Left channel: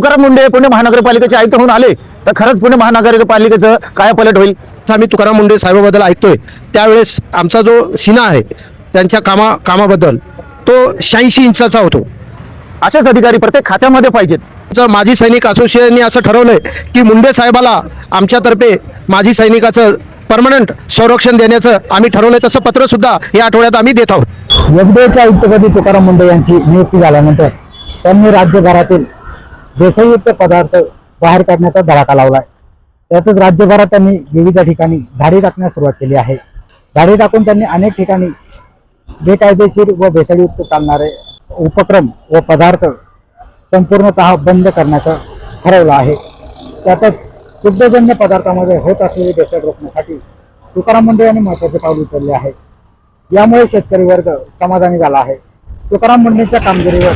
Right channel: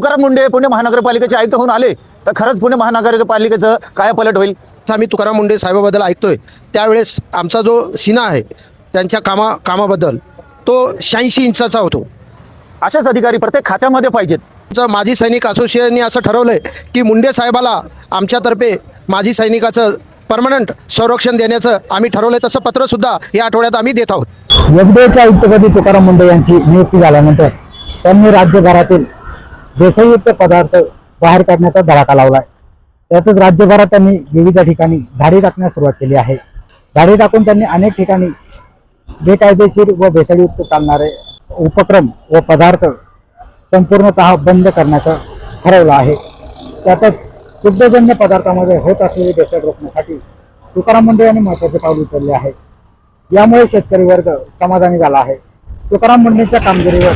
तुकाराम मुंडे पुणे महानगरपालिकेचे आयुक्त होऊन आले तर खरंच पुणे महानगरपालिकेचं काय पलट होईल? आम्ही तुकाराम मुंडे साहेबाबद्दल ऐकतोय त्यावेळेस आमचा जो सिना आहे त्यांच्या कामाबद्दल तो 86 इंचाचा होतो. असेच अधिकारी प्रत्येक खात्यामध्ये पाहिजेत. माजी सैनिक असोसिएशनने असं ठरवलंय की मुंडे साहेबाला आमच्यातर्फे माजी सैनिकाचं परमनंट संरक्षण देण्याचं आम्ही ठरवलंय. तसं पत्र सुद्धा या आठवड्यात आम्ही देत आहोत. एफडीएच्या आयुक्तपदी तुकाराम मुंडे यांची नियुक्ती झाल्यानंतर त्यांनी राज्यभरातील भेसळयुक्त पदार्थ बाहेर काढण्याचा धडाका लावलाय. त्यातच राज्यभरात त्यांनी विविध ठिकाणी धाडी टाकण्यास सुरुवात केली आहे. धाडी टाकून त्यांनी अनेक ठिकाणी बेकायदेशीर व भेसळयुक्त चालणारे उपक्रम व पदार्थ संपूर्णतः बंद करण्याचं ठरवलं आहे. त्यातच दुग्धजन्य पदार्थामध्ये होत असलेली भेसळ रोखण्यासाठी तुकाराम मुंडे यांनी महत्त्वाचे पाऊल उचलले आहे. यामुळे शेतकरी वर्ग समाधानी झाला आहे. तुकाराम मुंडेंच्या कामगिरीवर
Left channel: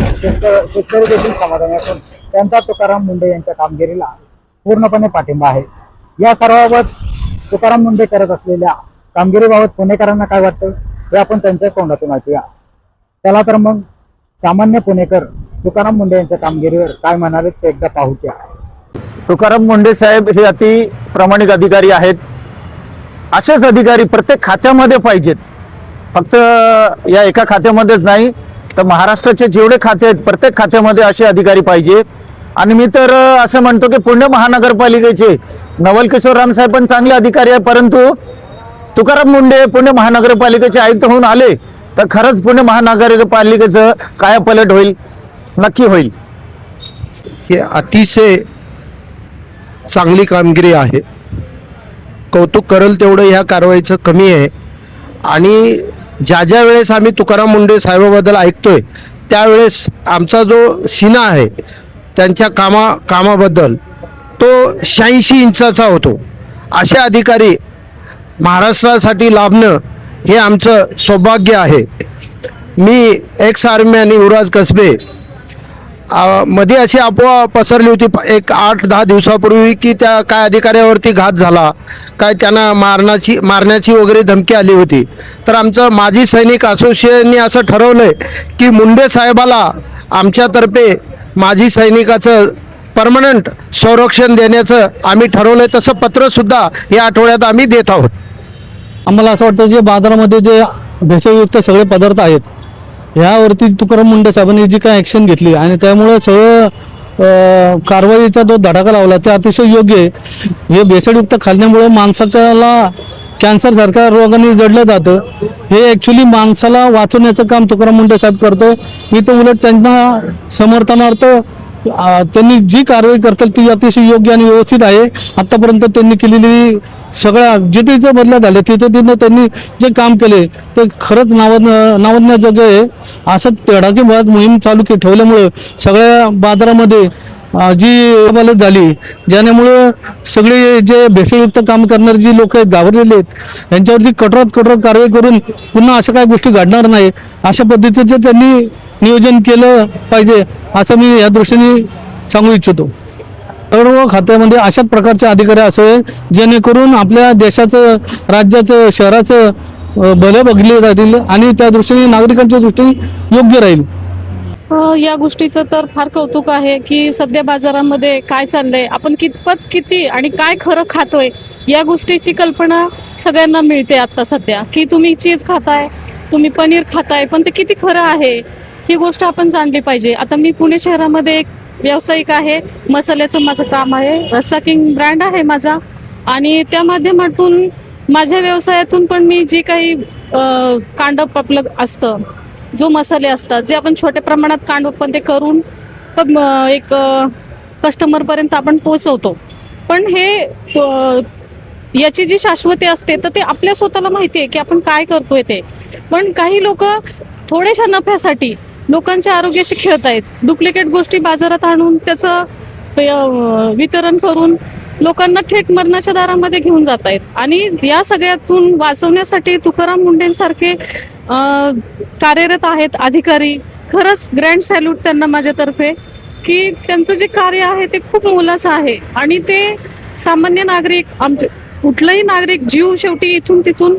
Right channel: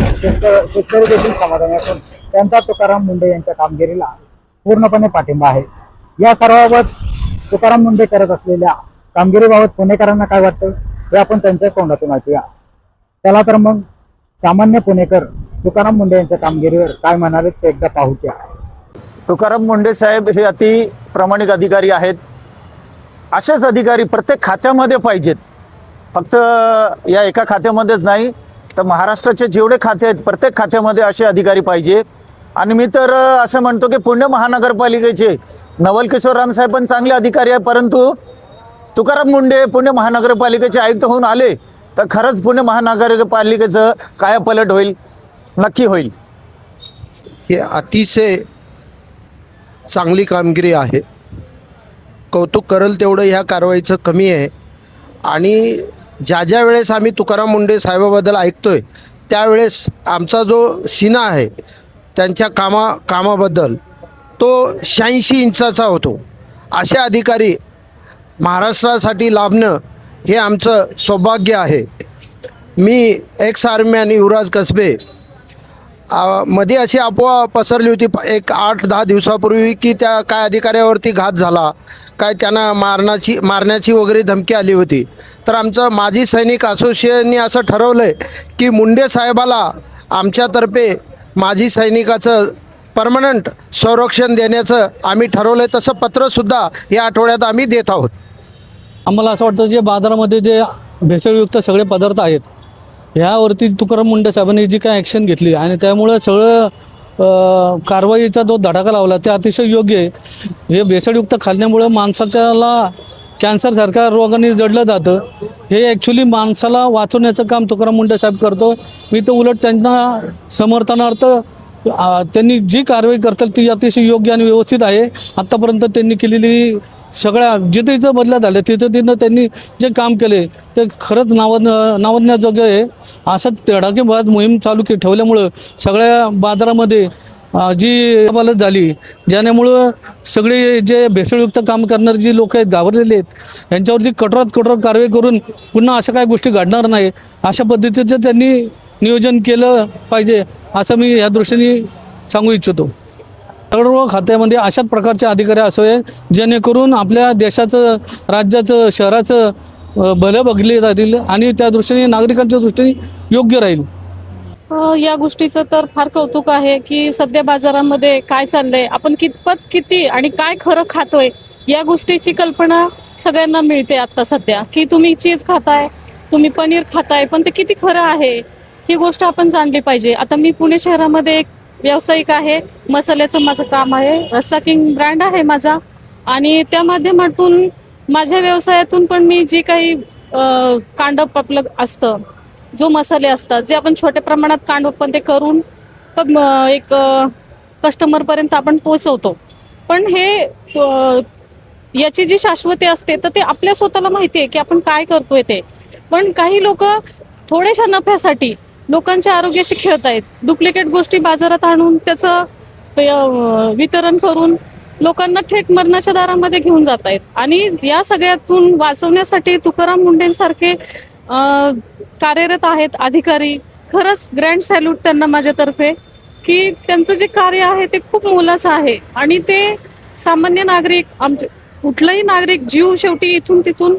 शेतकरी देखील समाधानी असून त्यांचा तुकाराम मुंडे यांच्या कामगिरीला पूर्णपणे पाठिंबा आहे. या सर्वाबाबत तुकाराम मुंडे करत असलेल्या कामगिरीबाबत पुणेकरांना काय वाटतं हे आपण त्यांच्या तोंडातून ऐकूया. चला तर मग सामान्य पुणेकर तुकाराम मुंडे यांच्या कामगिरीवर काय म्हणाले ते एकदा पाहूया. तुकाराम मुंडे साहेब हे अति प्रामाणिक अधिकारी आहेत. असेच अधिकारी प्रत्येक खात्यामध्ये पाहिजेत. फक्त या एका खात्यामध्येच नाही तर महाराष्ट्राचे जेवढे खाते आहेत प्रत्येक खात्यामध्ये असे अधिकारी पाहिजे. आणि मी तर असं म्हणतो की पुणे महानगरपालिकेचे नवल किशोर राम साहेब पण चांगले अधिकारी आहे, परंतु तुकाराम मुंडे पुणे महानगरपालिकेचे आयुक्त होऊन आले तर खरंच पुणे महानगरपालिकेचं काय पलट होईल? नक्की होईल. ही अतिशय चांगली कामगिरी आहे. कौतुक करेल तेवढं ह्या कारवाईचं कमी आहे. आणि ज्या वेळेस आम्ही तुकाराम मुंडे साहेबाबद्दल ऐकतोय त्यावेळेस आमचा जो सिना आहे त्यांच्या कामाबद्दल तो 86 इंचाचा होतो. असे अधिकारी महाराष्ट्रासाठी लाभणं हे आमचं सौभाग्य आहे. मी एक्स आर्मीमॅन युवराज कसबे मध्ये अशी अफवा पसरली होती एक 8-10 दिवसापूर्वी की त्या काय अधिकाऱ्यावरती घात झाला, काय त्यांना मारण्याची वगैरे धमकी आली होती. तर आमचं माजी सैनिक असोसिएशनने असं ठरवलंय की मुंडे साहेबाला आमच्यातर्फे माजी सैनिकाचं परमनंट संरक्षण देण्याचं आम्ही ठरवलंय. तसं पत्र सुद्धा या आठवड्यात आम्ही देत आहोत. आम्हाला असं वाटतं जे बाजारामध्ये जे भेसळयुक्त सगळे पदार्थ आहेत ह्यावरती तुकाराम मुंडे साहेबांनी जी काय ॲक्शन घेतली आणि त्यामुळे सगळं कारवाईचा जो धडाका लावला ते अतिशय योग्य आहे. हे भेसळयुक्त खाल्ल्यामुळे माणसाच्याला कॅन्सरसारख्या रोगाने जडलं जातं. हे ॲक्च्युली माणसाला वाचवण्याचं काम तुकाराम मुंडे साहेब करतो. मी तर उलट त्यांना समर्थनार्थ त्यांनी जी कारवाई करतील ती अतिशय योग्य आणि व्यवस्थित आहे. आत्तापर्यंत त्यांनी केलेली सगळ्या जिथे बदल्या झाले तिथे त्यांनी जे काम केले ते खरंच नावजण्याजोगे आहे. असं धडाकेबाज मोहीम चालू ठेवल्यामुळे सगळ्या बाजारामध्ये जी बलत झाली ज्यामुळे सगळे जे भेसळयुक्त काम करणारे जी लोक घाबरलेले आहेत यांच्यावरती कठोरात कठोर कारवाई करून पुन्हा अशा काही गोष्टी घडणार नाही अशा पद्धतीचं त्यांनी नियोजन केलं पाहिजे असं मी या दृष्टीने सांगू इच्छितो. सर्व खात्यामध्ये अशा प्रकारचे अधिकारी असावे जेणेकरून आपल्या देशाचं राज्याचं शहराचं भले बघले जातील आणि त्या दृष्टीने नागरिकांच्या दृष्टीने योग्य राहील. या गोष्टीचं तर फार कौतुक आहे की सध्या बाजारामध्ये काय चाललंय, आपण किती आणि काय खरं खातोय या गोष्टीची कल्पना सगळ्यांना मिळते आता सध्या. की तुम्ही चीज खाताय, तुम्ही पनीर खाताय, पण ते किती खरं आहे ही गोष्ट आपण जाणली पाहिजे. आता मी पुणे शहरामध्ये एक व्यावसायिक आहे. मसाल्याचं माझं काम आहे. रस्सा किंग ब्रँड आहे माझा आणि त्या माध्यमातून माझ्या व्यवसायातून पण मी जी काही कांडप आपलं असतं जो मसाले असतात जे आपण छोट्या प्रमाणात कांडप पण ते करून एक कस्टमरपर्यंत आपण पोचवतो. पण हे याची जी शाश्वती असते तर ते आपल्या स्वतःला माहिती आहे की आपण काय करतोय ते. पण काही लोक थोड्याशा नफ्यासाठी लोकांच्या आरोग्याशी खेळत आहेत. डुप्लिकेट गोष्टी बाजारात आणून त्याचं वितरण करून लोकांना थेट मरणाच्या दारामध्ये घेऊन जात आहेत. आणि या सगळ्यातून वाचवण्यासाठी तुकाराम मुंडेंसारखे कार्यरत आहेत अधिकारी. खरंच ग्रँड सॅल्यूट त्यांना माझ्यातर्फे की त्यांचं जे कार्य आहे ते खूप मोलाचं आहे. आणि ते सामान्य नागरिक आमचे कुठलाही नागरिक जीव शेवटी इथून तिथून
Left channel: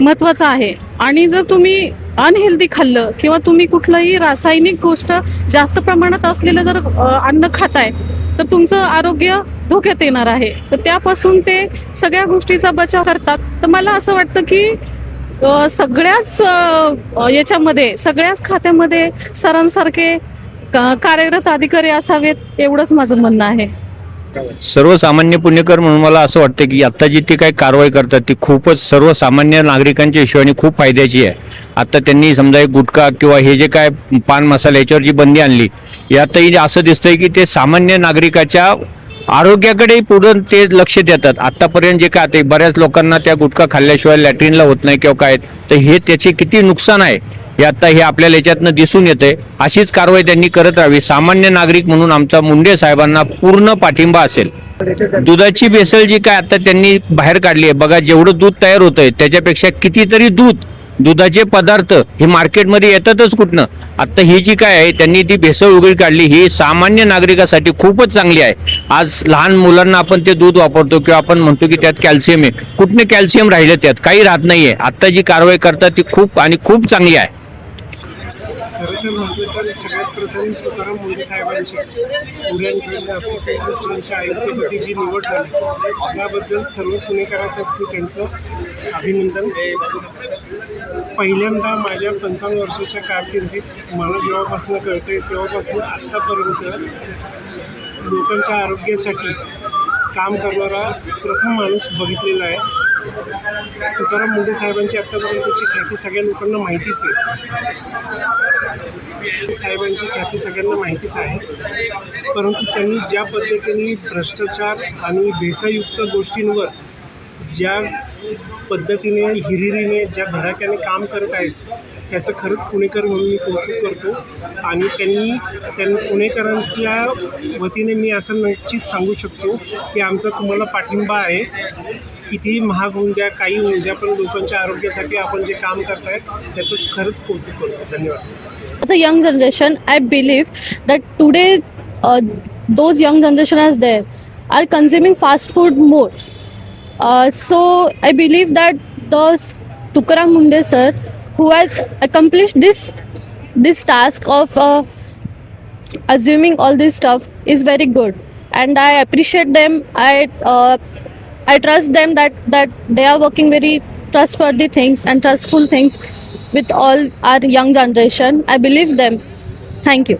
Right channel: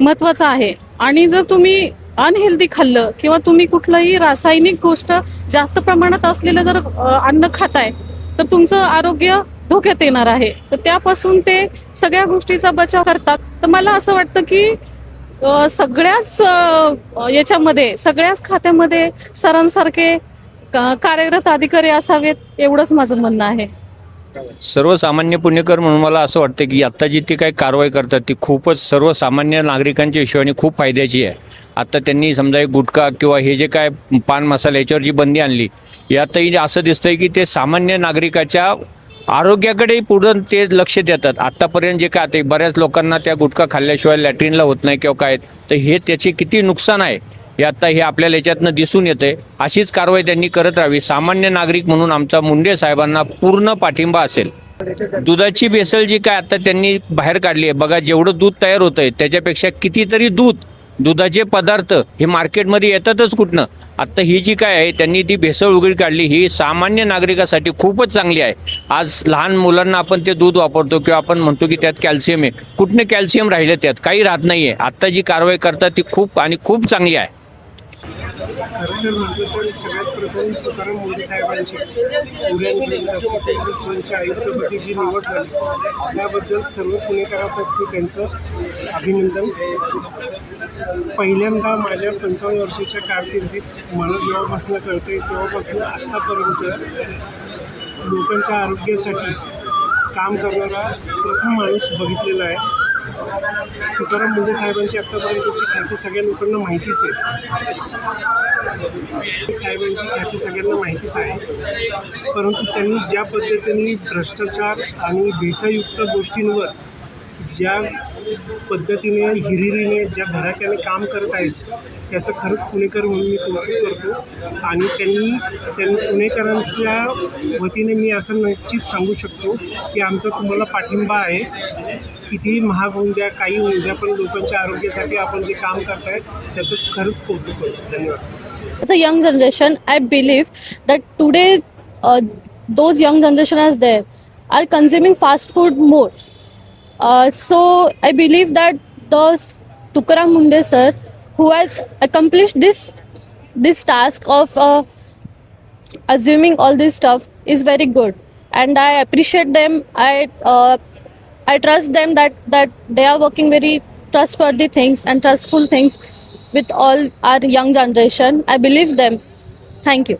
महत्त्वाचा आहे. आणि जर तुम्ही अनहेल्दी खाल्लं किंवा तुम्ही कुठलंही रासायनिक गोष्ट जास्त प्रमाणात असलेलं जर अन्न खाताय तर तुमचं आरोग्य धोक्यात येणार आहे. तर त्यापासून ते सगळ्या गोष्टीचा बचाव करतात. तर मला असं वाटतं की सगळ्याच याच्यामध्ये सगळ्याच खात्यामध्ये सरांसारखे कार्यरत अधिकारी असावेत एवढंच माझं म्हणणं आहे. सर्वसामान्य पुणेकर म्हणून मला असं वाटतं की आता जी ते काही कारवाई करतात ती खूपच सर्वसामान्य नागरिकांच्या हिशोबाने खूप फायद्याची आहे. आता त्यांनी समजा एक गुटखा किंवा हे जे काय पान मसाला याच्यावर जी बंदी आणली यातही असं दिसतंय की ते सामान्य नागरिकाच्या आरोग्याकडेही पुढे ते लक्ष देतात. आतापर्यंत जे काय ते बऱ्याच लोकांना त्या गुटखा खाल्ल्याशिवाय लॅट्रिनला होत नाही किंवा काय, तर हे त्याचे किती नुकसान आहे हे आता हे आपल्याला याच्यातनं दिसून येते. अशीच कारवाई त्यांनी करत राहावी. सामान्य नागरिक म्हणून आमचा मुंडे साहेबांना पूर्ण पाठिंबा असेल. दुधाची भेसळ जी काय आता त्यांनी बाहेर काढली आहे बघा, जेवढं दूध तयार होतंय त्याच्यापेक्षा कितीतरी दुधाचे पदार्थ हे मार्केटमध्ये येतातच कुठनं. आता ही जी काय आहे त्यांनी ती भेसळ उघड काढली, ही सामान्य नागरिकासाठी खूपच चांगली आहे. आज लहान मुलांना आपण ते दूध वापरतो किंवा आपण म्हणतो की त्यात कॅल्शियम आहे, कुठनं कॅल्शियम राहिलं, त्यात काही राहत नाहीये. आता जी कारवाई करतात ती खूप आणि खूप चांगली आहे. खरं तर म्हटलं तर सगळ्यात प्रथम तुकाराम मुंडे साहेबांची फूड अँड ड्रग असोसिएशनच्या आयुक्तपदी जी निवड झाली त्याबद्दल सर्व पुणेकरांतर्फे त्यांचं अभिनंदन. पहिल्यांदा माझ्या 55 वर्षाच्या कारकिर्दीत मला जेव्हापासून कळतंय तेव्हापासून आत्तापर्यंत लोकांच्या आरोग्यासाठी काम करणारा प्रथम माणूस बघितलेला आहे. तुकाराम मुंडे साहेबांची आत्तापर्यंतची ख्याती सगळ्या लोकांना माहितीच आहे. साहेबांची ख्याती सगळ्यांना माहितीच आहे, परंतु त्यांनी ज्या पद्धतीने भ्रष्टाचार आणि भेसळयुक्त गोष्टींवर ज्या पद्धतीने हिरिरीने ज्या धडाक्याने काम करत आहेत त्याचं खरंच पुणेकर म्हणून मी कौतुक करतो. आणि त्यांनी पुणेकरांच्या वतीने मी असं नक्कीच सांगू शकतो की आमचा तुम्हाला पाठिंबा आहे. कितीही महाग होऊन द्या, काही होऊन द्या, पण लोकांच्या आरोग्यासाठी आपण जे काम करताय त्याचं खरंच कौतुक करतो. धन्यवाद. As a young generation, I believe that today those young generation as there are consuming fast food more. So I believe that the Tukaram Munde sir, who has accomplished this task of assuming all this stuff, is very good, and I appreciate them. I trust them that they are working very trustworthy things and trustful things with all our young generation. I believe them. Thank you.